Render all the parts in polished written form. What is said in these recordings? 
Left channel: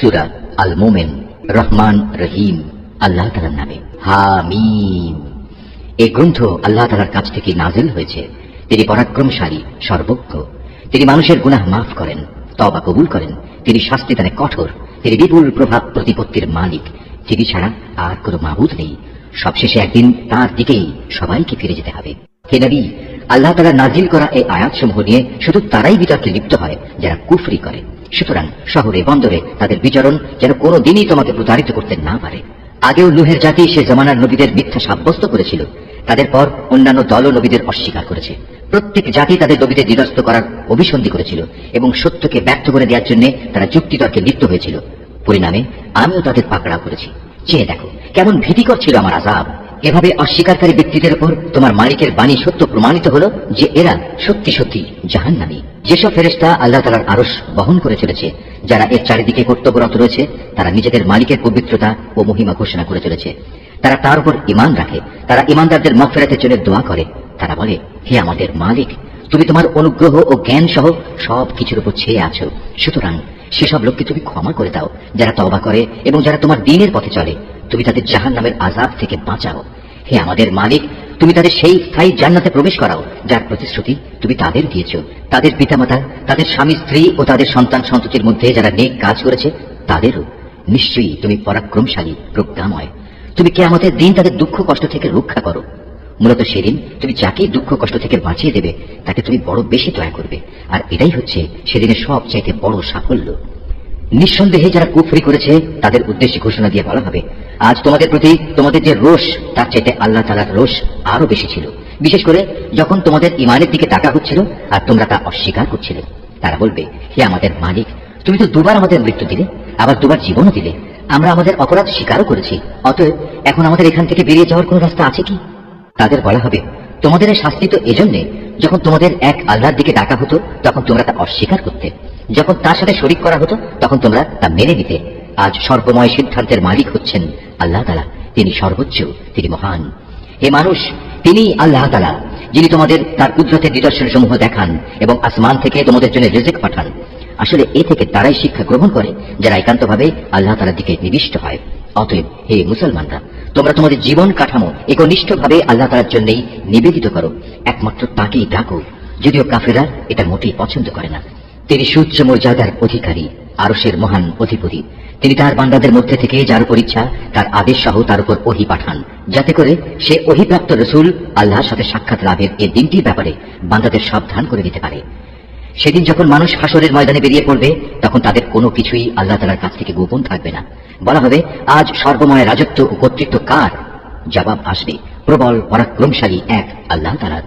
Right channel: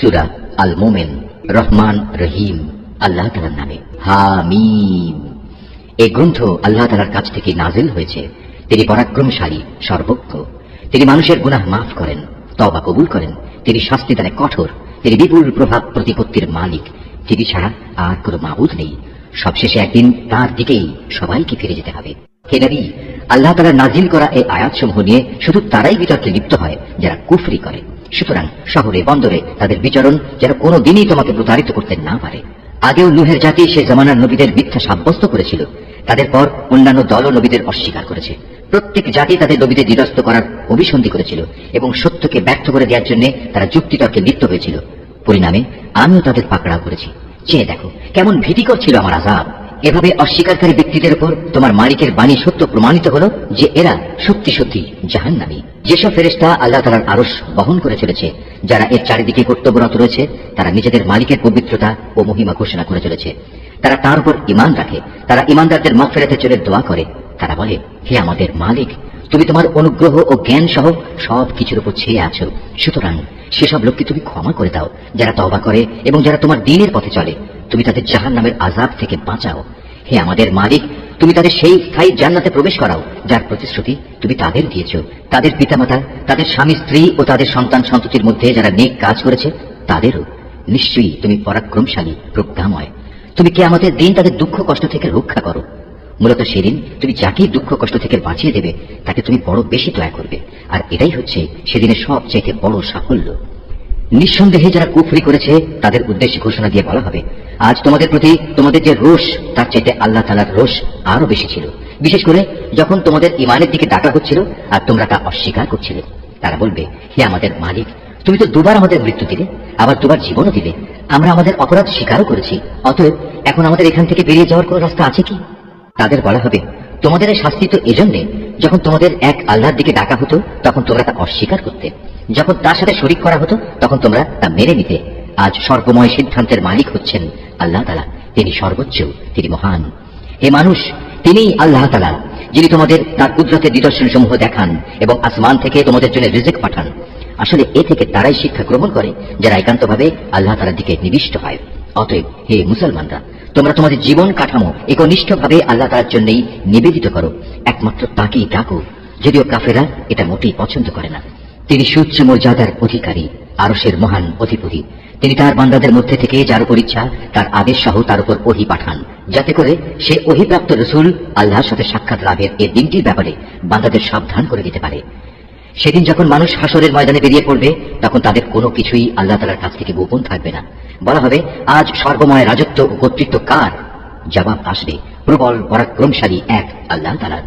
সূরা আল মুমিন, রহমান রহিম আল্লাহ তাআলার নামে। হামিম। এই গ্রন্থ আল্লাহ তাআলার কাছ থেকে নাজিল হয়েছে। তিনি পরাক্রমশালী, সর্বজ্ঞ। তিনি মানুষের গুনাহ মাফ করেন, তওবা কবুল করেন। তিনি শাস্তি দানে কঠোর। তিনি বিপুল প্রভাব প্রতিপত্তির মালিক। তিনি ছাড়া আর কোনো মাবুদ নেই। সবশেষে একদিন তার দিকেই সবাইকে ফিরে যেতে হবে। হে নবী, আল্লাহ তাআলা নাজিল করা এই আয়াতসমূহ নিয়ে শুধু তারাই বিতর্কে লিপ্ত হয় যারা কুফরি করে। সুতরাং শহরে বন্দরে তাদের বিচরণ যেন কোনো দিনই তোমাকে প্রতারিত করতে না পারে। আগেও নূহের জাতি সে জমানার নবীদের মিথ্যা সাব্যস্ত করেছিল। তাদের পর অন্যান্য দলও নবীদের অস্বীকার করেছে। প্রত্যেক জাতি তাদের নবীদের নিরস্ত করার অভিসন্ধি করেছিল এবং সত্যকে ব্যর্থ করে দেওয়ার জন্য তারা যুক্তিতর্কে লিপ্ত হয়েছিল। পরিণামে আমিও তাদের পাকড়াও করেছি। চেয়ে দেখো কেমন ভীতিকর ছিল আমার আযাব। এভাবে অস্বীকারী ব্যক্তিদের উপর তোমার মালিকের বাণী সত্য প্রমাণিত হলো যে এরা সত্যি সত্যি জাহান্নামী। যেসব ফেরেশতা আল্লাহ তাআলার আরশ বহন করে চলেছে, যারা এর চারিদিকে কর্তব্যরত রয়েছে, তারা নিজেদের মালিকের পবিত্রতা ও মহিমা ঘোষণা করে চলেছে। তারা তার উপর ঈমান রাখে। তারা ঈমানদারদের মাগফিরাতের জন্য দোয়া করে। তারা বলে, হে আমাদের মালিক, তুমি তোমার অনুগ্রহ ও জ্ঞান সহ সব কিছুর উপর ছেয়ে আছো। সুতরাং সেসব লোককে তুমি ক্ষমা করে দাও যারা তওবা করে এবং যারা তোমার দ্বীনের পথে চলে। তুমি তাদের জাহান্নামের আযাব থেকে বাঁচাও। হে আমাদের মালিক, তুমি তাদের সেই স্থায়ী জান্নাতে প্রবেশ করাও যার প্রতিশ্রুতি তুমি তাদের দিয়েছ। তাদের পিতামাতা, তাদের স্বামী স্ত্রী ও তাদের সন্তান সন্ততির মধ্যে যারা নেক কাজ করেছে তাদেরও। নিশ্চয়ই তুমি পরাক্রমশালী, প্রজ্ঞাময়। তুমি কিয়ামতের দিন তাদের দুঃখ কষ্ট থেকে রক্ষা করো। মূলত সেদিন তুমি যাকে দুঃখ কষ্ট থেকে বাঁচিয়ে দেবে তাকে তুমি বড় বেশি দয়া করবে। আর এটাই হচ্ছে সেদিনের সবচেয়ে বড় সাফল্য। নিঃসন্দেহে যারা কুফরি করেছে তাদের উদ্দেশ্যে ঘোষণা দিয়ে বলা হবে, আজ তোমাদের প্রতি তোমাদের যে রোষ তার চাইতে আল্লাহ তাআলার রোষ আরো বেশি ছিল। বিশেষ করে যখন তোমাদের ঈমানের দিকে ডাকা হচ্ছিল আর তোমরা তা অস্বীকার করছিলে। তারা বলবে, হে আমাদের মালিক, তুমি তো দুবার আমাদের মৃত্যু দিলে, আবার দুবার জীবনও দিলে। আমরা আমাদের অপরাধ স্বীকারও করেছি। অতএব এখন আমাদের এখান থেকে বেরিয়ে যাওয়ার কোন রাস্তা আছে কি? তাদের বলা হবে, তোমাদের এই শাস্তি তো এজন্যে, যখন তোমাদের এক আল্লাহর দিকে ডাকা হতো তখন তোমরা তা অস্বীকার করতে। যখন তার সাথে শরীক করা হতো তখন তোমরা তা মেনে নিতে। আজ সর্বময় সিদ্ধান্তের মালিক হচ্ছেন আল্লাহ তাআলা। তিনি সর্বোচ্চ, তিনি মহান। হে মানুষ, তিনিই আল্লাহ তাআলা যিনি তোমাদের তার কুদরতের নিদর্শন সমূহ দেখান এবং আসমান থেকে তোমাদের জন্য রিজিক পাঠান। আসলে এ থেকে তারাই শিক্ষা গ্রহণ করে যারা একান্তভাবে আল্লাহ তাআলার দিকে নিবিষ্ট হয়। অতএব হে মুসলমানরা, তোমরা তোমাদের জীবন কাঠামো একনিষ্ঠভাবে আল্লাহ তাআলার জন্যই নিবেদিত করো। একমাত্র তাকেই ডাকো, যদিও কাফেররা এটা মোটেই পছন্দ করে না। তিনি সুউচ্চ মর্যাদার অধিকারী, আরশের মহান অধিপতি। তিনি তার বান্দাদের মধ্যে থেকে যার উপর ইচ্ছা তার আদেশ সহ তার উপর ওহী পাঠান, যাতে করে সে ওহীপ্রাপ্ত রাসূল আল্লাহর সাথে সাক্ষাৎ লাভের এই দিনটির ব্যাপারে বান্দাদের সাবধান করে দিতে পারে। সেদিন যখন মানুষ হাসরের ময়দানে বেরিয়ে পড়বে তখন তাদের কোনো কিছুই আল্লাহ তাআলার কাছ থেকে গোপন থাকবে না। বলা হবে, আজ সর্বময় রাজত্ব ও কর্তৃত্ব কার? জবাব আসবে, প্রবল পরাক্রমশালী এক আল্লাহ তাআলার।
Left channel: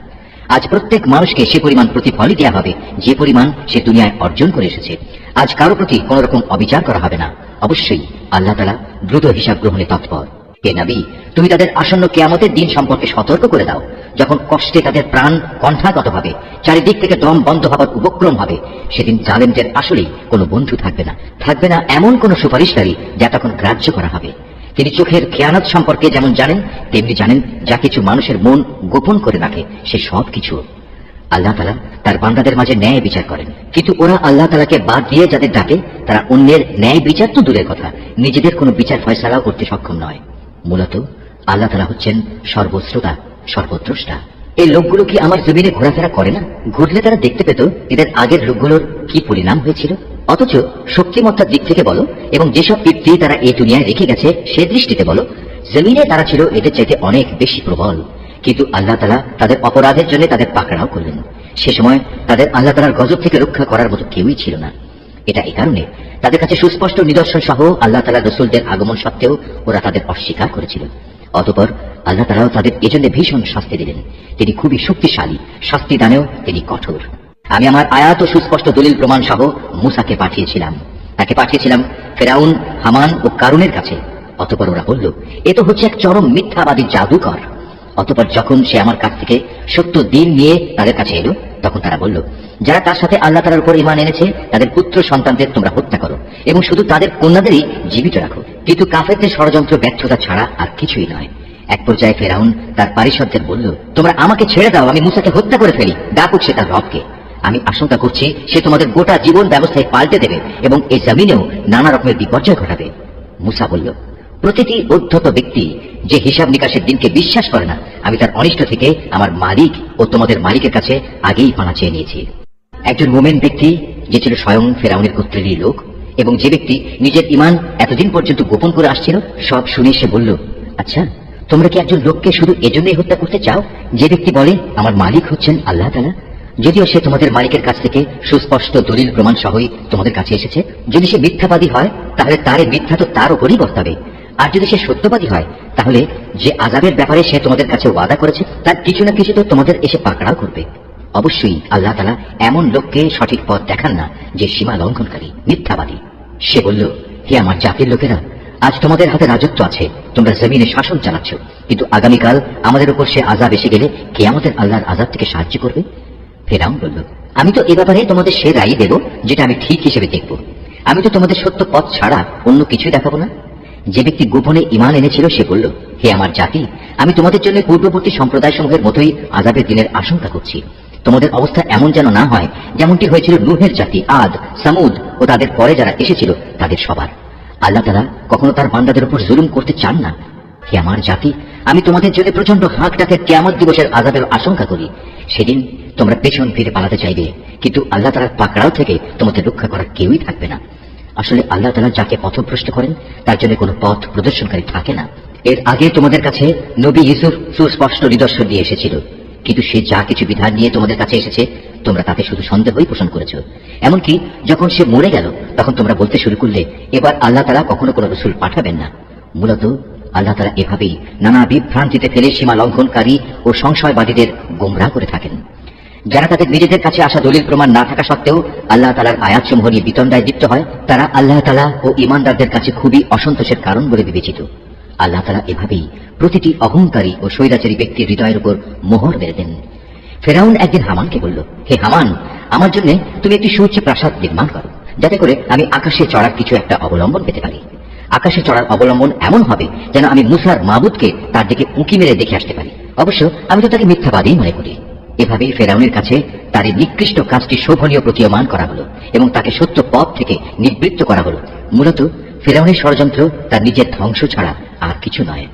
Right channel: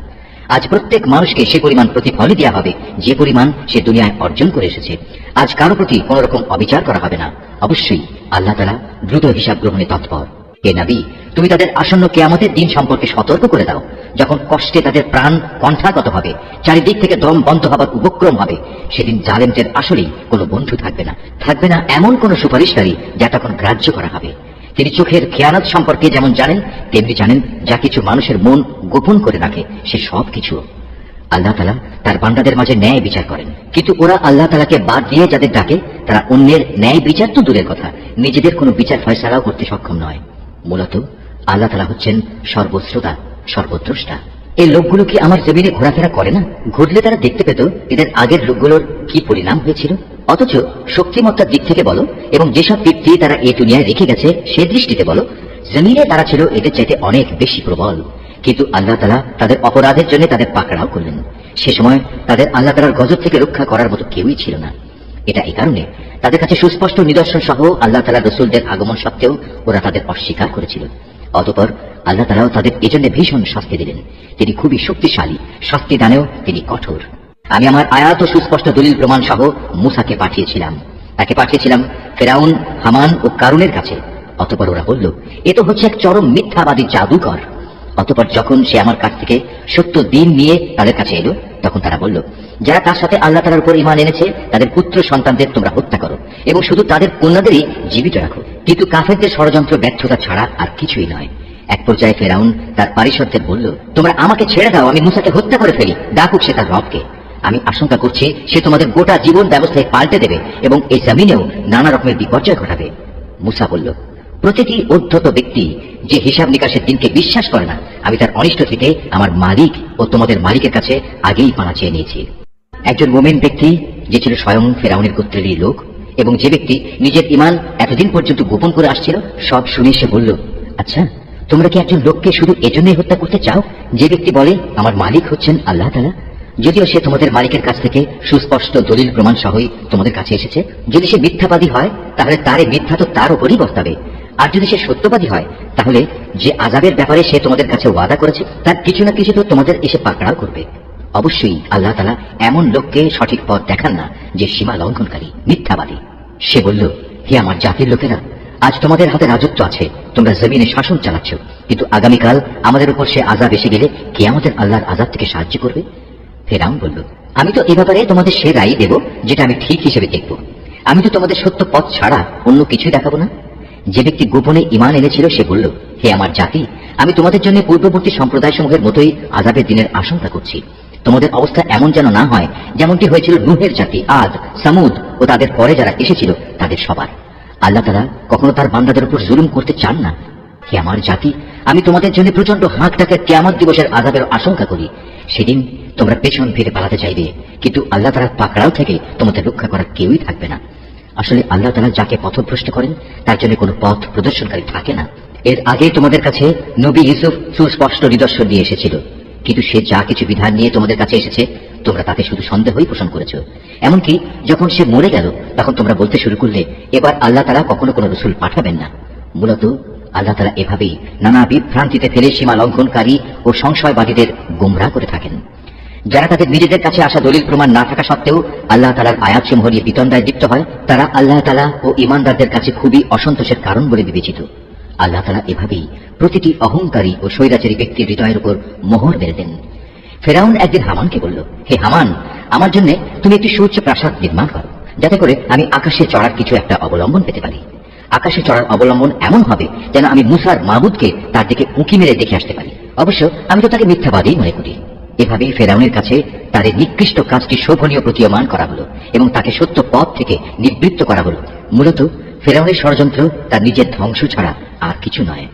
আজ প্রত্যেক মানুষকে সে পরিমাণ প্রতিফলই দেওয়া হবে যে পরিমাণ সে দুনিয়ায় অর্জন করে এসেছে। আজ কারো প্রতি কোন রকম অবিচার করা হবে না। অবশ্যই আল্লাহ তাআলা দ্রুত হিসাব গ্রহণে তৎপর। হে নবী, তুমি তাদের আসন্ন কিয়ামতের দিন সম্পর্কে সতর্ক করে দাও, যখন কষ্টে তাদের প্রাণ কণ্ঠাগত হবে, চারিদিক থেকে দম বন্ধ হবার উপক্রম হবে। সেদিন জালেমদের আসলেই কোনো বন্ধু থাকবে না। থাকবে না এমন কোন সুপারিশকারী যা তখন গ্রাহ্য করা হবে। তিনি চোখের খেয়ানত সম্পর্কে যেমন জানেন, তেমনি জানেন যা কিছু মানুষের মন গোপন করে রাখে সে সব কিছু। আল্লাহ তাআলা তার বান্দাদের মাঝে ন্যায় বিচার করেন, কিন্তু ওরা আল্লাহ তাআলাকে বাদ দিয়ে যাদের ডাকে তারা অন্যের ন্যায় বিচার তো দূরের কথা, নিজেদের কোনো বিচার ফয়সালাও করতে সক্ষম নয়। মূলত আল্লাহ তাআলা হচ্ছেন সর্বশ্রোতা, সর্বদ্রষ্টা। এই লোকগুলো কি আমার জমিনে ঘোরাফেরা করে না? ঘুরলে তারা দেখতে পেত এদের আগের লোকগুলোর কি পরিণাম হয়েছিল। অথচ শক্তিমত্তার দিক থেকে বলো এবং যেসব কীর্তি তারা এই দুনিয়ায় রেখে গেছে সে দৃষ্টিতে বলো, জমিনে তারা ছিল এদের চাইতে অনেক বেশি প্রবল। কিন্তু আল্লাহ তাআলা তাদের অপরাধের জন্য তাদের পাকড়াও করলেন। সে সময় তাদের আল্লাহ তাআলার গজব থেকে রক্ষা করার মতো কেউই ছিল না। এটা এই কারণে তাদের কাছে সুস্পষ্ট নিদর্শন সহ আল্লাহ তাআলার রাসূলদের আগমন সত্ত্বেও ওরা তাদের অস্বীকার করেছিল। অতঃপর আল্লাহ তাআলাও তাদের এজন্য ভীষণ শাস্তি দিলেন। তিনি খুবই শক্তিশালী, শাস্তি দানেও তিনি কঠোর। আমি আমার আয়াত ও সুস্পষ্ট দলিল প্রমাণ সহ মূসাকে পাঠিয়েছিলাম। তাকে পাঠিয়েছিলাম ফেরাউন, হামান ও কারুনের কাছে। অতঃপর ওরা বলল, এ তো হচ্ছে এক চরম মিথ্যাবাদী জাদুকর। অতঃপর যখন সে আমার কাছ থেকে সত্য দিন নিয়ে তাদের কাছে এলো তখন তারা বলল, যারা তার সাথে আল্লাহ তাআলার উপর ঈমান এনেছে তাদের পুত্র সন্তানদের তোমরা হত্যা করো এবং শুধু তাদের কন্যাদেরই জীবিত রাখো। কিন্তু কাফেরদের ষড়যন্ত্র ব্যর্থতা ছাড়া আর কিছুই নয়। এক পর্যায়ে ফেরাউন তার পারিষদদের বলল, তোমরা আমাকে ছেড়ে দাও, আমি মূসাকে হত্যা করে ফেলি, ডাকুক সে তার রবকে। আমি আশঙ্কা করছি সে তোমাদের গোটা জীবন ব্যবস্থায় পাল্টে দেবে এবং এই জমিনেও নানা রকমের বিপর্যয় ঘটাবে। মুসা বলল, প্রতিটি উদ্ধত ব্যক্তি যে হিসাব নিকাশের দিনকে বিশ্বাস করে না, আমি তার অনিষ্ট থেকে আমার মালিক ও তোমাদের মালিকের কাছে আগেই পানা চেয়ে নিয়েছি। একজন মোমেন ব্যক্তি যে ছিল স্বয়ং ফেরাউনের গোত্রেরই লোক এবং যে ব্যক্তি নিজের ঈমান এতদিন পর্যন্ত গোপন করে আসছিল, সব শুনে সে বলল, আচ্ছা, তোমরা কি একজন লোককে শুধু এজন্যই হত্যা করতে চাও যে ব্যক্তি বলে আমার মালিক হচ্ছেন আল্লাহ তাআলা, যদিও সে তোমাদের মালিকের কাছ থেকে সুস্পষ্ট দলিল প্রমাণ সহই তোমাদের কাছে এসেছে? যদি সে মিথ্যাবাদী হয় তাহলে তার এই মিথ্যা তো তার উপরই বর্তাবে, আর যদি সে সত্যবাদী হয় তাহলে যে আযাবের ব্যাপারে সে তোমাদের কাছে ওয়াদা করেছে তার কিছু না কিছু তো তোমাদের এসে পাকড়াও করবে। অবশ্যই আল্লাহ তাআলা এমন লোককে সঠিক পথ দেখান না যে সীমা লঙ্ঘনকারী, মিথ্যাবাদী। সে বলল, হে আমার জাতির লোকেরা, আজ তোমাদের হাতে রাজত্ব আছে, তোমরা জমিনে শাসন চালাচ্ছ, কিন্তু আগামীকাল আমাদের উপর সে আযাব এসে গেলে কে আমাদের আল্লাহর আযাব থেকে সাহায্য করবে? ফেরাউন বলল, আমি তো এ ব্যাপারে তোমাদের সে রায় দেব যেটা আমি ঠিক হিসেবে দেখব। আমি তো তোমাদের সত্য পথ ছাড়া অন্য কিছুই দেখাবো না। যে ব্যক্তি গোপনে ঈমান এনেছিল সে বলল, হে আমার জাতি, আমি তোমাদের জন্য পূর্ববর্তী সম্প্রদায়সমূহের মতোই আযাবের দিনের আশঙ্কা করছি। তোমাদের অবস্থা এমন যেন না হয় যেমনটি হয়েছিল নূহের জাতি, আদ, সামুদ ও তাদের পরে যারা এসেছিল তাদের সবার। আল্লাহ তাআলা কখনো তার বান্দাদের উপর জুলুম করতে চান না। হে আমার জাতি, আমি তোমাদের জন্য প্রচন্ড হাঁক ডাকের কিয়ামত দিবসের আযাবের আশঙ্কা করি। সেদিন তোমরা পেছন ফিরে পালাতে চাইবে, কিন্তু আল্লাহ তাআলার পাকড়াও থেকে তোমাদের রক্ষা করার কেউই থাকবে না। আসলে আল্লাহ তাআলা যাকে পথভ্রষ্ট করেন তার জন্য কোনো পথ প্রদর্শনকারী থাকে না। এর আগে তোমাদের কাছে নবী ইউসুফ সুস্পষ্ট নিদর্শন দিয়ে এসেছিল, কিন্তু সে যা কিছু বিধান নিয়ে তোমাদের কাছে এসেছে তোমরা তাতে শুধু সন্দেহই পোষণ করেছ। এমনকি যখন সে মরে গেল তখন তোমরা বলতে শুরু করলে এবার আল্লাহ তাআলা কখনো কোনো রাসূল পাঠাবেন না। মূলত আল্লাহ তাআলা এভাবেই নানা বিভ্রান্তিতে ফেলে সীমা লঙ্ঘনকারী ও সংশয়বাদীদের গোমরাহ করে থাকেন। যারা তাদের নিজেদের কাছে আসা দলিল প্রমাণ না থাকা সত্ত্বেও আল্লাহ তাআলার আয়াতসমূহ নিয়ে বিতন্ডায় লিপ্ত হয়, তারা আল্লাহ তাআলা ও ঈমানদারদের কাছে খুবই অসন্তোষের কারণ বলে বিবেচিত। আল্লাহ তাআলা এভাবেই প্রতিটি অহংকারী ও স্বৈরাচারী ব্যক্তির হৃদয়ের উপর মোহর মেরে দেন। ফেরাউন একদিন হামানকে বলল, হে হামান, আমার জন্য তুমি একটি সুউচ্চ প্রাসাদ নির্মাণ করো, যাতে করে আমি আকাশে চড়ার কিছু একটা অবলম্বন পেতে পারি। আকাশে চড়ার অবলম্বন এমন হবে যেন আমি মুসার মাবুদকে তার দিকে উঁকি মেরে দেখে আসতে পারি। অবশ্য আমি তো তাকে মিথ্যাবাদী মনে করি। এভাবেই ফেরাউনের কাছে তার এই নিকৃষ্ট কাজটি শোভনীয় প্রতীয়মান করা হলো এবং তাকে সত্য পথ থেকে নিবৃত্ত করা হলো। মূলত ফেরাউনের ষড়যন্ত্র তার নিজের ধ্বংস ছাড়া আর কিছু নয়।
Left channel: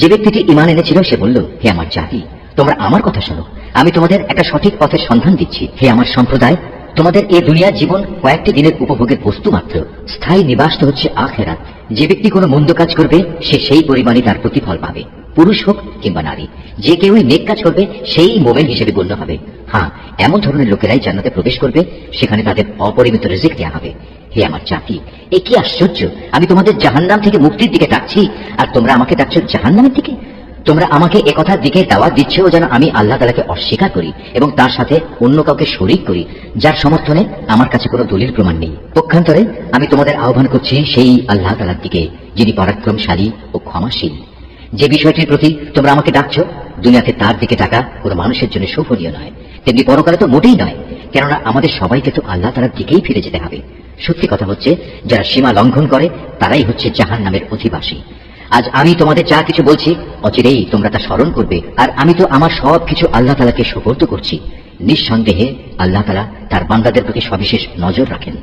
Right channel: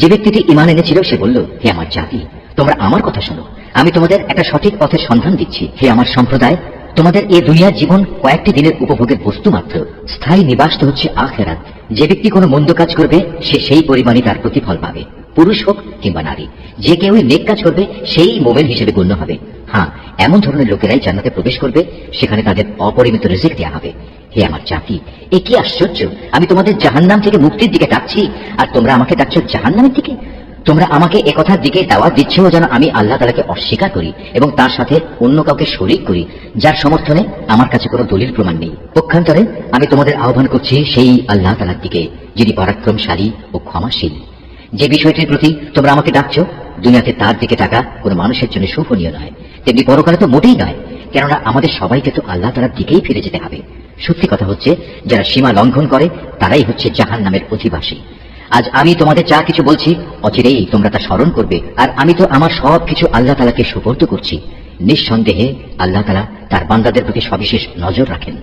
যে ব্যক্তিটি ঈমান এনেছিল সে বলল, হে আমার জাতি, তোমরা আমার কথা শোনো, আমি তোমাদের একটা সঠিক পথের সন্ধান দিচ্ছি। হে আমার সম্প্রদায়, তোমাদের এই দুনিয়ার জীবন কয়েকটি দিনের উপভোগের বস্তু মাত্র, স্থায়ী নিবাস তো হচ্ছে আখিরাত। যে ব্যক্তি কোনো মন্দ কাজ করবে সে সেই পরিমাণই তার প্রতিফল পাবে, পুরুষ হোক কিংবা নারী। যে কেউই নেক কাজ করবে সেই মোমেন হিসেবে গণ্য হবে। হ্যাঁ, এমন ধরনের লোকেরাই জান্নাতে প্রবেশ করবে, সেখানে তাদের অপরিমিত রিজিক দেওয়া হবে। হে আমার জাতি, এ কি আশ্চর্য! আমি তোমাদের জাহান্নাম থেকে মুক্তির দিকে ডাকছি আর তোমরা আমাকে ডাকছো জাহান্নামের দিকে। তোমরা আমাকে একথার দিকে দাওয়াত দিচ্ছ যেন আমি আল্লাহ তাআলাকে অস্বীকার করি এবং তার সাথে অন্য কাউকে শরীক করি যার সমর্থনে আমার কাছে কোনো দলিল প্রমাণ নেই। পক্ষান্তরে আমি তোমাদের আহ্বান করছি সেই আল্লাহ তাআলার দিকে, যিনি পরাক্রমশালী ও ক্ষমাশীল। যে বিষয়টির প্রতি তোমরা আমাকে ডাকছো, দুনিয়াতে তার দিকে ডাকা কোনো মানুষের জন্য শোভনীয় নয়, তেমনি পরকালে তো মোটেই নয়, কেননা আমাদের সবাইকে তো আল্লাহ তাআলার দিকেই ফিরে যেতে হবে। সত্যি কথা হচ্ছে, যারা সীমা লঙ্ঘন করে তারাই হচ্ছে জাহান্নামের অধিবাসী। আজ আমি তোমাদের যা কিছু বলছি অচিরেই তোমরা তা স্মরণ করবে, আর আমি তো আমার সব কিছু আল্লাহ তাআলাকে সুপর্দ করছি। নিঃসন্দেহে আল্লাহ তাআলা তার বান্দাদের প্রতি সবিশেষ নজর রাখেন।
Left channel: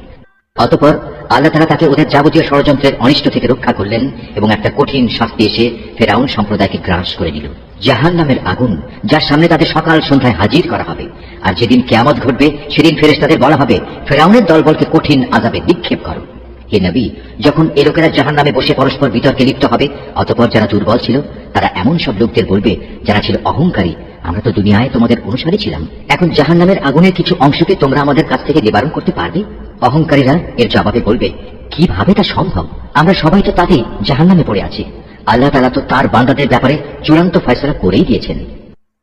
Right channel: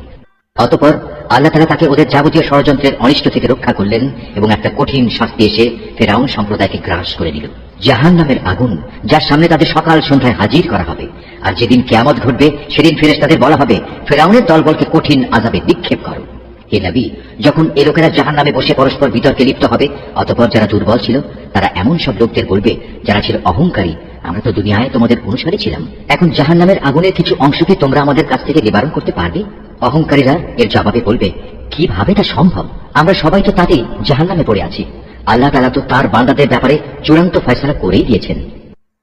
অতঃপর আল্লাহ তাআলা তাকে ওদের যাবতীয় ষড়যন্ত্রের অনিষ্ট থেকে রক্ষা করলেন এবং একটা কঠিন শাস্তি এসে ফেরাউন সম্প্রদায়কে গ্রাস করে নিল, জাহান্নামের আগুন, যার সামনে তাদের সকাল সন্ধ্যায় হাজির করা হবে। আর যেদিন কিয়ামত ঘটবে সেদিন ফেরেশতাদের বলা হবে, ফেরাউনের দলবলকে কঠিন আযাবে নিক্ষেপ করো। হে নবী, যখন এ লোকেরা জাহান্নামে বসে পরস্পর বিতর্কে লিপ্ত হবে, অতঃপর যারা দুর্বল ছিল তারা এমন সব লোকদের বলবে যারা ছিল অহংকারী, আমরা তো দুনিয়ায় তোমাদের অনুসারী ছিলাম, এখন জাহান্নামের আগুনের কিছু অংশকে তোমরা আমাদের কাছ থেকে নিবারণ করতে পারবে? অহংকারীরা এর জবাবে বলবে, কিভাবে তা সম্ভব? আমরা সবাই তো তাতেই জাহান্নামে পড়ে আছি। আল্লাহ তাআলা তো তার বান্দাদের ব্যাপারে চূড়ান্ত ফয়সালা করেই দিয়েছেন।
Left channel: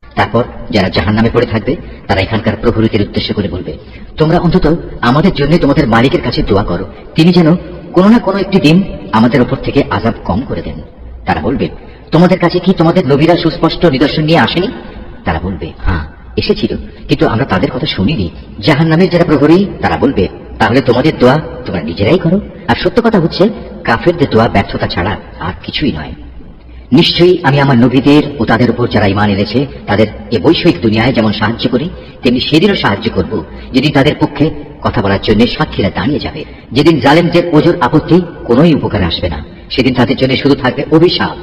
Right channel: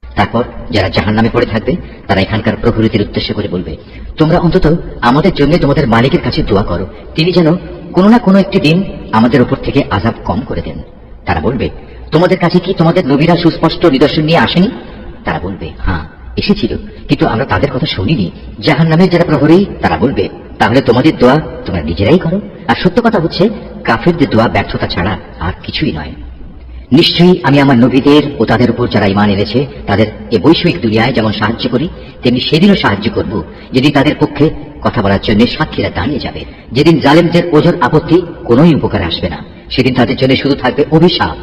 তারপর যারা জাহান্নামে পড়ে থাকবে তারা এখানকার প্রভুদের উদ্দেশ্য করে বলবে, তোমরা অন্তত আমাদের জন্য তোমাদের মালিকের কাছে দোয়া করো, তিনি যেন কোনো না কোনো একটি দিন আমাদের উপর থেকে আযাব কম করে দেন। তারা বলবে, তোমাদের কাছে কি তোমাদের নবীরা সুস্পষ্ট নিদর্শন নিয়ে আসেনি? তারা বলবে, হ্যাঁ এসেছিল, কিন্তু আমরা তাদের কথা শুনিনি। জাহান্নামের যারা প্রহরী তারা বলবে, তাহলে তোমাদের দোয়া তোমরা নিজেরাই করো। আর সত্য কথা হচ্ছে, কাফেরদের দোয়া ব্যর্থতা ছাড়া আর কিছুই নয়। নিশ্চয়ই আমি আমার নবীদের ও তাদের উপর যারা ঈমান এনেছে তাদের এ বৈষয়িক দুনিয়ায় যেমন সাহায্য করি, তেমনি সেদিনও সাহায্য করব, যেদিন তাদের পক্ষে কথা বলার জন্য সাক্ষীরা দাঁড়িয়ে যাবে। যেদিন জালেমদের ওজর আপত্তি কোনোই উপকারে আসবে না, সেদিন তাদের জন্য শুধু থাকবে অভিশাপ,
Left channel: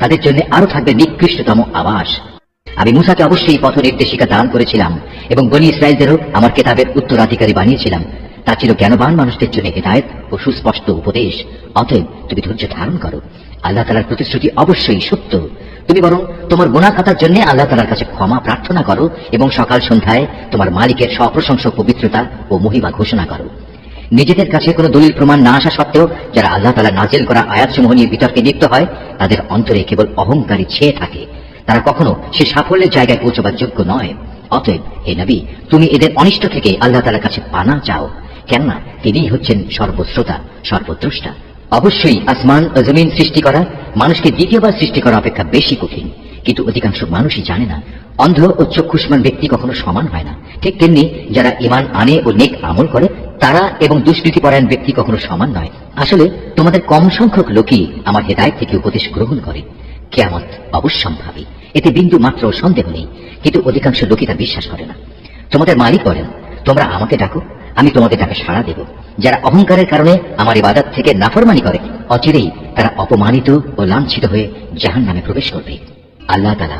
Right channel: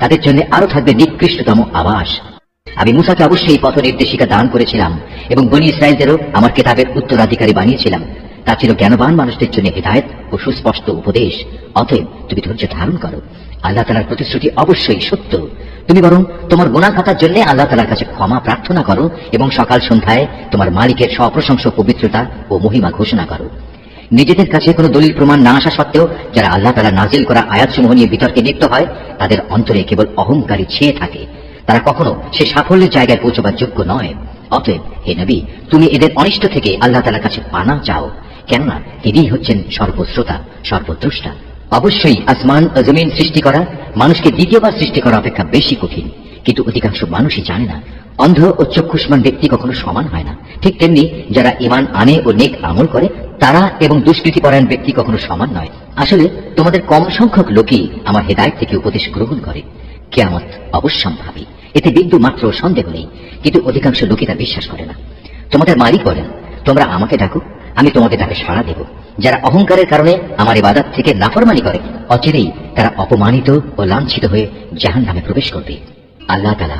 তাদের জন্য আরো থাকবে নিকৃষ্টতম আবাস। আমি মূসাকে অবশ্যই পথ নির্দেশিকা দান করেছিলাম এবং বনী ইসরায়েলদেরও আমার কিতাবের উত্তরাধিকারী বানিয়েছিলাম। তা ছিল জ্ঞানবান মানুষদের জন্য হিদায়াত ও সুস্পষ্ট উপদেশ। অতএব তুমি ধৈর্য ধারণ করো, আল্লাহ তাআলার প্রতিশ্রুতি অবশ্যই সত্য। তুমি বরং তোমার গুনাহ খাতার জন্য আল্লাহ তাআলার কাছে ক্ষমা প্রার্থনা করো এবং সকাল সন্ধ্যায় তোমার মালিকের সপ্রশংস পবিত্রতা ও মহিমা ঘোষণা করো। নিজেদের কাছে কোনো দলিল প্রমাণ না আসা সত্ত্বেও যারা আল্লাহ তাআলা নাজিল করা আয়াতসমূহ নিয়ে বিতর্কে লিপ্ত হয়, তাদের অন্তরে কেবল অহংকারী ছেয়ে থাকে। তারা কখনো সে সাফল্যের জায়গায় পৌঁছবার যোগ্য নয়। অতএব হে নবী, তুমি এদের অনিষ্ট থেকে আল্লাহ তাআলার কাছে পানা চাও, কেননা তিনিই হচ্ছেন সর্বশ্রোতা, সর্বদ্রষ্টা। অবশ্যই আসমান ও জমিন সৃষ্টি করা মানুষকে দ্বিতীয়বার সৃষ্টি করা অপেক্ষা বেশি কঠিন, কিন্তু অধিকাংশ মানুষই জানে না। অন্ধ ও চক্ষুষ্মান ব্যক্তি কখনো সমান হয় না। ঠিক তেমনি যারা ঈমান আনে ও নেক আমল করে তারা এবং দুষ্কৃতিপরায়ণ ব্যক্তি কখনো সমান নয়। আসলে তোমাদের কম সংখ্যক লোকই আমার হেদায়েত থেকে উপদেশ গ্রহণ করে। কিয়ামত অবশ্যম্ভাবী, এতে বিন্দু মাত্র সন্দেহ নেই, কিন্তু অধিকাংশ লোকই তা বিশ্বাস করে না। তোমাদের মালিক বলেন, তোমরা আমাকে ডাকো, আমি তোমাদের ডাকে সাড়া দেব। যারা অহংকারের কারণে আমার ইবাদত থেকে নাফরমানি করে, অচিরেই তারা অপমানিত ও লাঞ্ছিত হয়ে জাহান্নামে প্রবেশ করবে। আল্লাহ তাআলা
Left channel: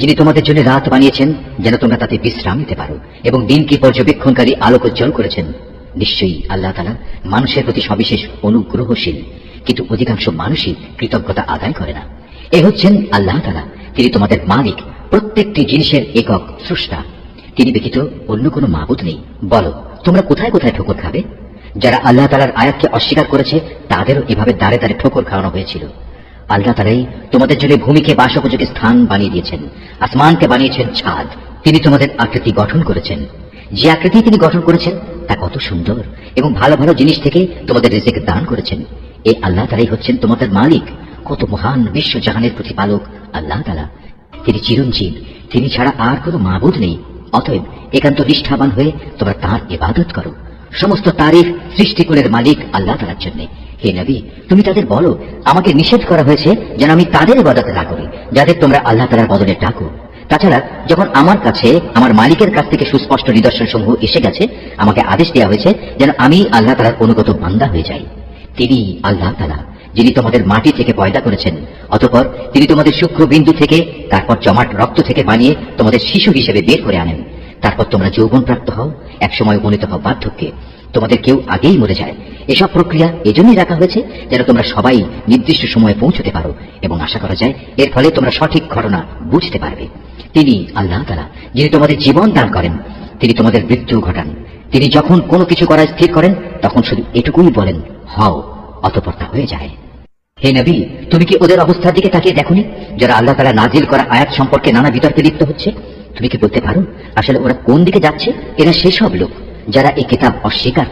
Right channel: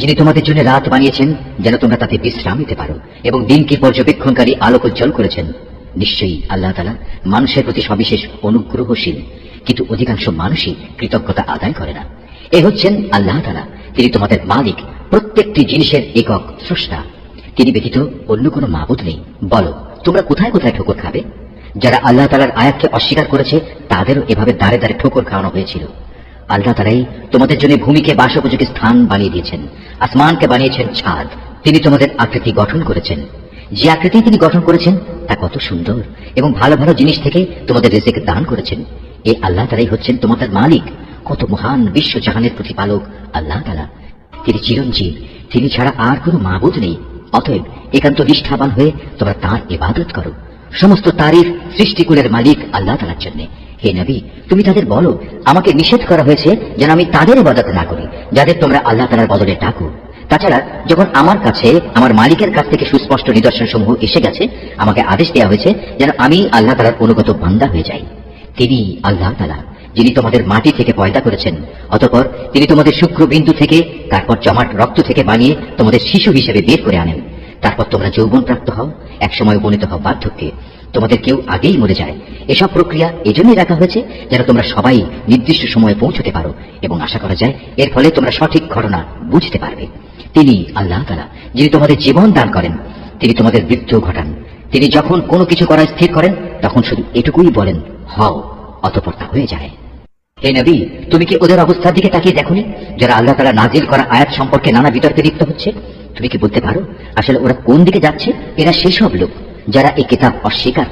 যিনি তোমাদের জন্য রাত বানিয়েছেন যেন তোমরা তাতে বিশ্রাম নিতে পারো এবং দিনকে পর্যবেক্ষণকারী আলোকোজ্জ্বল করেছেন, নিশ্চয়ই আল্লাহ তাআলা মানুষের প্রতি সবিশেষ অনুগ্রহশীল, কিন্তু অধিকাংশ মানুষই কৃতজ্ঞতা আদায় করে না। এ হচ্ছেন আল্লাহ তাআলা, তিনি তোমাদের মালিক, প্রত্যেকটি জিনিসের একক স্রষ্টা। তিনি ব্যতীত অন্য কোনো মাবুদ নেই। বলো, তোমরা কোথায় কোথায় ঠোকর খাবে? যারা আল্লাহ তাআলার আয়াতকে অস্বীকার করেছে তাদেরও এভাবে দাঁড়ে দাঁড়ে ঠোকর খাওয়ানো হয়েছিল। আল্লাহ তাআলাই তোমাদের জন্য ভূমিকে বাসোপযোগী স্থান বানিয়ে দিয়েছেন, আসমানকে বানিয়েছেন ছাদ। তিনি তোমাদের আকৃতি গঠন করেছেন। যে আকৃতি তিনি গঠন করেছেন তা কত সুন্দর, এবং ভালো ভালো জিনিস থেকে তোমাদের রিজিক দান করেছেন। এই আল্লাহ তাআলাই হচ্ছেন তোমাদের মালিক। কত মহান বিশ্বজাহানের প্রতিপালক আল্লাহ তাআলা, তিনি চিরঞ্জীব, তিনি ছাড়া আর কোনো মাবুদ নেই। অতএব একান্ত নিষ্ঠাবান হয়ে তোমরা তাঁর ইবাদত করো। সমস্ত তারিফ সৃষ্টিকুলের মালিক আল্লাহ তাআলার জন্য। হে নবী, তুমি তাদের বলো, আমাকে নিষেধ করা হয়েছে যেন আমি তাদের ইবাদত না করি যাদের তোমরা আল্লাহ তাআলার বদলে ডাকো। তাছাড়া যখন আমার কাছে আমার মালিকের কাছ থেকে সুস্পষ্ট নিদর্শন সমূহ এসে গেছে, আমাকে আদেশ দেওয়া হয়েছে যেন আমি আল্লাহ তাআলার অনুগত বান্দা হয়ে যাই। তিনি আল্লাহ তাআলা যিনি তোমাদের মাটি থেকে পয়দা করেছেন, অতঃপর তিনি তোমাদের শুক্রবিন্দু থেকে, তারপর জমাট রক্ত থেকে বানিয়ে তোমাদের শিশু হিসেবে বের করে আনেন। তারপর তোমরা যৌবন প্রাপ্ত হও, একসময় উপনীত হও বার্ধক্যে, তোমাদের কেউ আগেই মরে যায়। এসব প্রক্রিয়া এজন্যই রাখা হয়েছে যেন তোমরা সবাই নির্দিষ্ট সময়ে পৌঁছতে পারো, এবং আশা করা যায় এর ফলে তোমরা সঠিক ঘটনা বুঝতে পারবে। তিনি আল্লাহ তাআলা যিনি তোমাদের জীবন দান করেন, তিনি তোমাদের মৃত্যু ঘটান। তিনি যখন কোনো কিছু করা স্থির করেন তখন শুধু এটুকুই বলেন, হও, অতঃপর তা হয়ে যায়। হে নবী, তুমি কি ওদের অবস্থার দিকে তাকিয়ে দেখোনি যারা আল্লাহ তাআলা নাজিল করা আয়াত সম্পর্কে নানা বিতর্কে লিপ্ত হচ্ছে? তুমি কি বলতে পারো আসলে ওরা কোন দিকে যাচ্ছে? এরা সেসব লোক যারা এই কিতাব অস্বীকার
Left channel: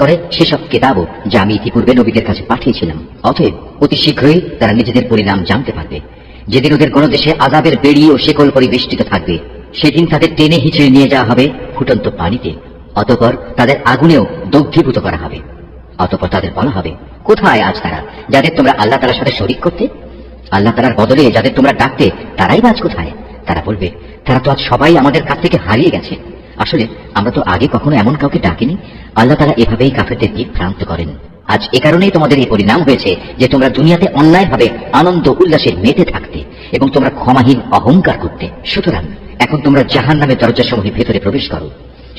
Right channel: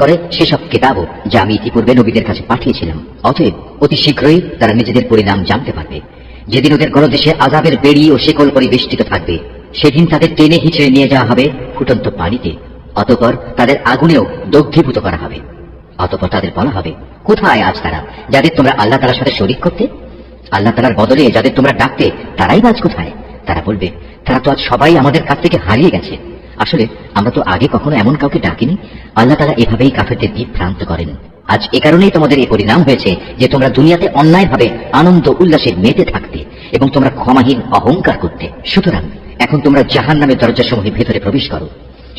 করে সেসব কিতাবও যা আমি ইতিপূর্বে নবীদের কাছে পাঠিয়েছিলাম। অতএব অতি শীঘ্রই তারা নিজেদের পরিণাম জানতে পারবে। যেদিন ওদের গলদেশে আযাবের বেড়ি ও শেকল পরিবেষ্টিত থাকবে, সেদিন তাদের টেনে হিঁচড়ে নিয়ে যাওয়া হবে ফুটন্ত পানিতে, অতঃপর তাদের আগুনেও দগ্ধীভূত করা হবে। অতঃপর তাদের বলা হবে, কোথায় আজ তারা যাদের তোমরা আল্লাহ তাআলার সাথে শরীক করতে? আল্লাহ তাআলার বদলে যাদের তোমরা ডাকতে তারাই আজ কোথায়? তারা বলবে, তারা তো আজ সবাই আমাদের কাছ থেকে হারিয়ে গেছে। আসলে আমরা তো আগে কখনো এমন কাউকে ডাকিনি। আল্লাহ তাআলা এভাবেই কাফেরদের বিভ্রান্ত করেন। আজ এ কারণেই তোমাদের এই পরিণাম হয়েছে যে তোমরা দুনিয়াতে অন্যায়ভাবে আনন্দ উল্লাসে মেতে থাকতে এবং তোমরা ক্ষমাহীন অহংকার করতে। সুতরাং এখন তোমরা জাহান্নামের দরজাসমূহের ভেতরে প্রবেশ করো,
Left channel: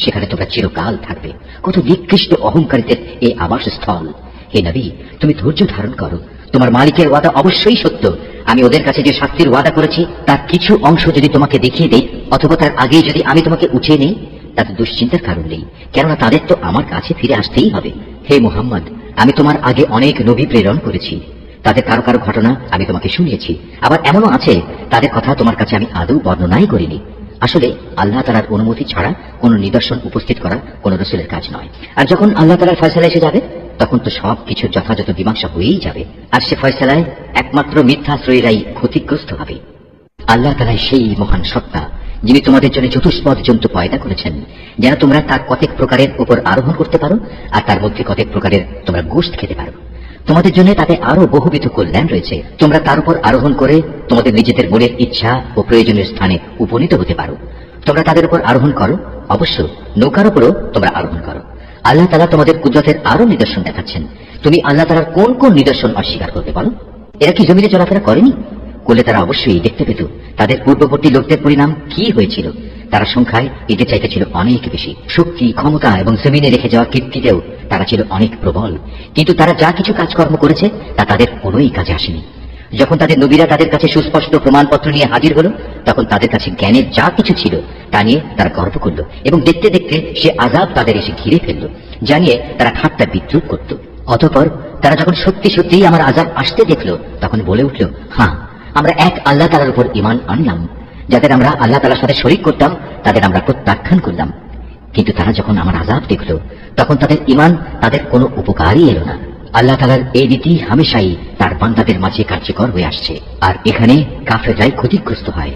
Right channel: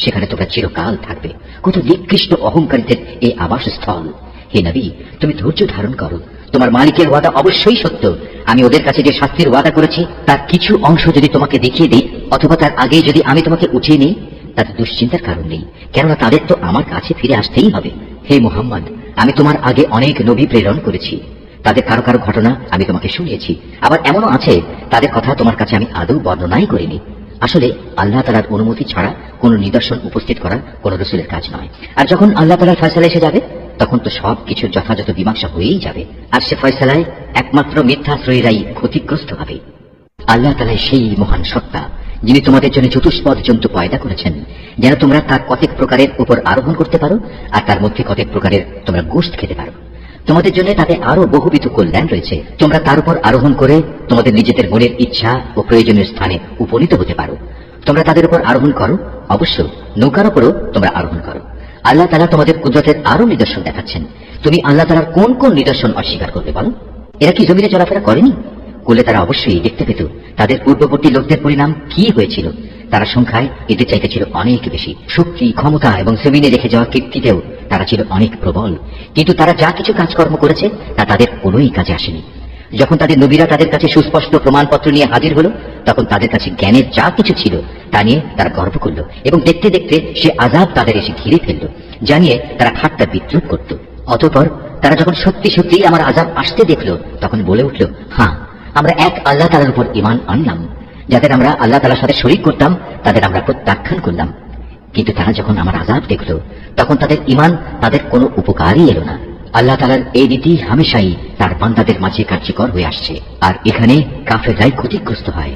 সেখানে তোমরা চিরকাল থাকবে। কত নিকৃষ্ট অহংকারীদের এই আবাসস্থল। হে নবী, তুমি ধৈর্য ধারণ করো, তোমার মালিকের ওয়াদা অবশ্যই সত্য। আমি ওদের কাছে যে শাস্তির ওয়াদা করেছি তার কিছু অংশ যদি তোমাকে দেখিয়ে দেই, অথবা তার আগেই যদি আমি তোমাকে উঠিয়ে নেই, তাতে দুশ্চিন্তার কারণ নেই, কেননা তাদের তো আমার কাছে ফিরে আসতেই হবে। হে মুহাম্মদ, আমি তোমার আগে অনেক নবী প্রেরণ করেছি, তাদের কারো কারো ঘটনা আমি তোমাকে শুনিয়েছি। আবার এমনও আছে তাদের কথা তোমার কাছে আমি আদৌ বর্ণনাই করিনি। আসলে আল্লাহ তাআলার অনুমতি ছাড়া কোন নিদর্শন উপস্থিত করা কোন রাসূলের কাজ নয়। আর যখন আল্লাহ তাআলার ফয়সালা এসে যাবে তখন তো সব কিছু যথাযথ মীমাংসা হয়েই যাবে, আর সে ফয়সালায় একমাত্র মিথ্যাশ্রয়ীরাই ক্ষতিগ্রস্ত হবে। আল্লাহ তাআলাই সেই মহান সত্তা যিনি তোমাদের জন্য চতুষ্পদ জন্তু পয়দা করেছেন যেন তোমরা তার কতক প্রকারের উপর আরোহণ করতে পারো, আর তার মধ্যে কতক প্রকারের তোমরা গোশত খেতে পারো। তোমাদের জন্য তাতে আরো বহুবিধ কল্যাণ রয়েছে। তোমরা তার উপর আরোহণ করে তোমাদের নিজেদের মনের ইচ্ছা ও প্রয়োজনীয় স্থানে উপনীত হতে পারো। তোমরা তাদের উপর আরোহণ করো, অবশ্য নৌকার উপরও তোমরা আরোহণ করো। আল্লাহ তাআলা তোমাদের কুদরতের আরো নিদর্শন দেখাচ্ছেন। তুমি আল্লাহ তাআলার কোন কোন নিদর্শন অস্বীকার করবে বলো? এরা কি জমিনে চলাফেরা করেনি? করলে তারা অবশ্যই দেখতে পেত তাদের পূর্ববর্তী লোকদের পরিণাম কি হয়েছিল। তারা সংখ্যায় এদের চাইতে ছিল অনেক বেশি, শক্তি, ক্ষমতা এবং জমিনে রেখে যাওয়া কীর্তিতেও তারা ছিল অনেক প্রবল। কিন্তু তারা যা কিছু কাজকর্ম করেছে তা তাদের কোনোই কাজে আসেনি। যখন তাদের নবীরা তাদের কাছে সুস্পষ্ট প্রমাণপত্র নিয়ে হাজির হলো, তখন তাদের কাছে জ্ঞানের যা কিছু ছিল তা নিয়ে তারা গর্ব করল এবং দেখতে দেখতে সে আযাব তাদের এসে ঘিরে ফেলল, জানিয়ে তারা ঠাট্টা বিদ্রুপ করত। অতঃপর তারা যখন সত্যি সত্যিই আমার আযাব আসতে দেখল, তখন বলে উঠল, হ্যাঁ, আমরা এক আল্লাহ তাআলার উপর ঈমান আনলাম। যাদের আমরা আল্লাহ তাআলার সাথে শরীক করতাম তাদের আমরা প্রত্যাখ্যান করলাম। কিন্তু তারা যখন আমার আযাব দেখল, তখন তাদের ঈমান তাদের কোনো উপকারই এলো না। আল্লাহ তাআলার এই নীতি হামেশাই তার বান্দাদের মাঝে কার্যকর হয়ে আসছে, আর এখানে কাফেররাই ক্ষতিগ্রস্ত হয়।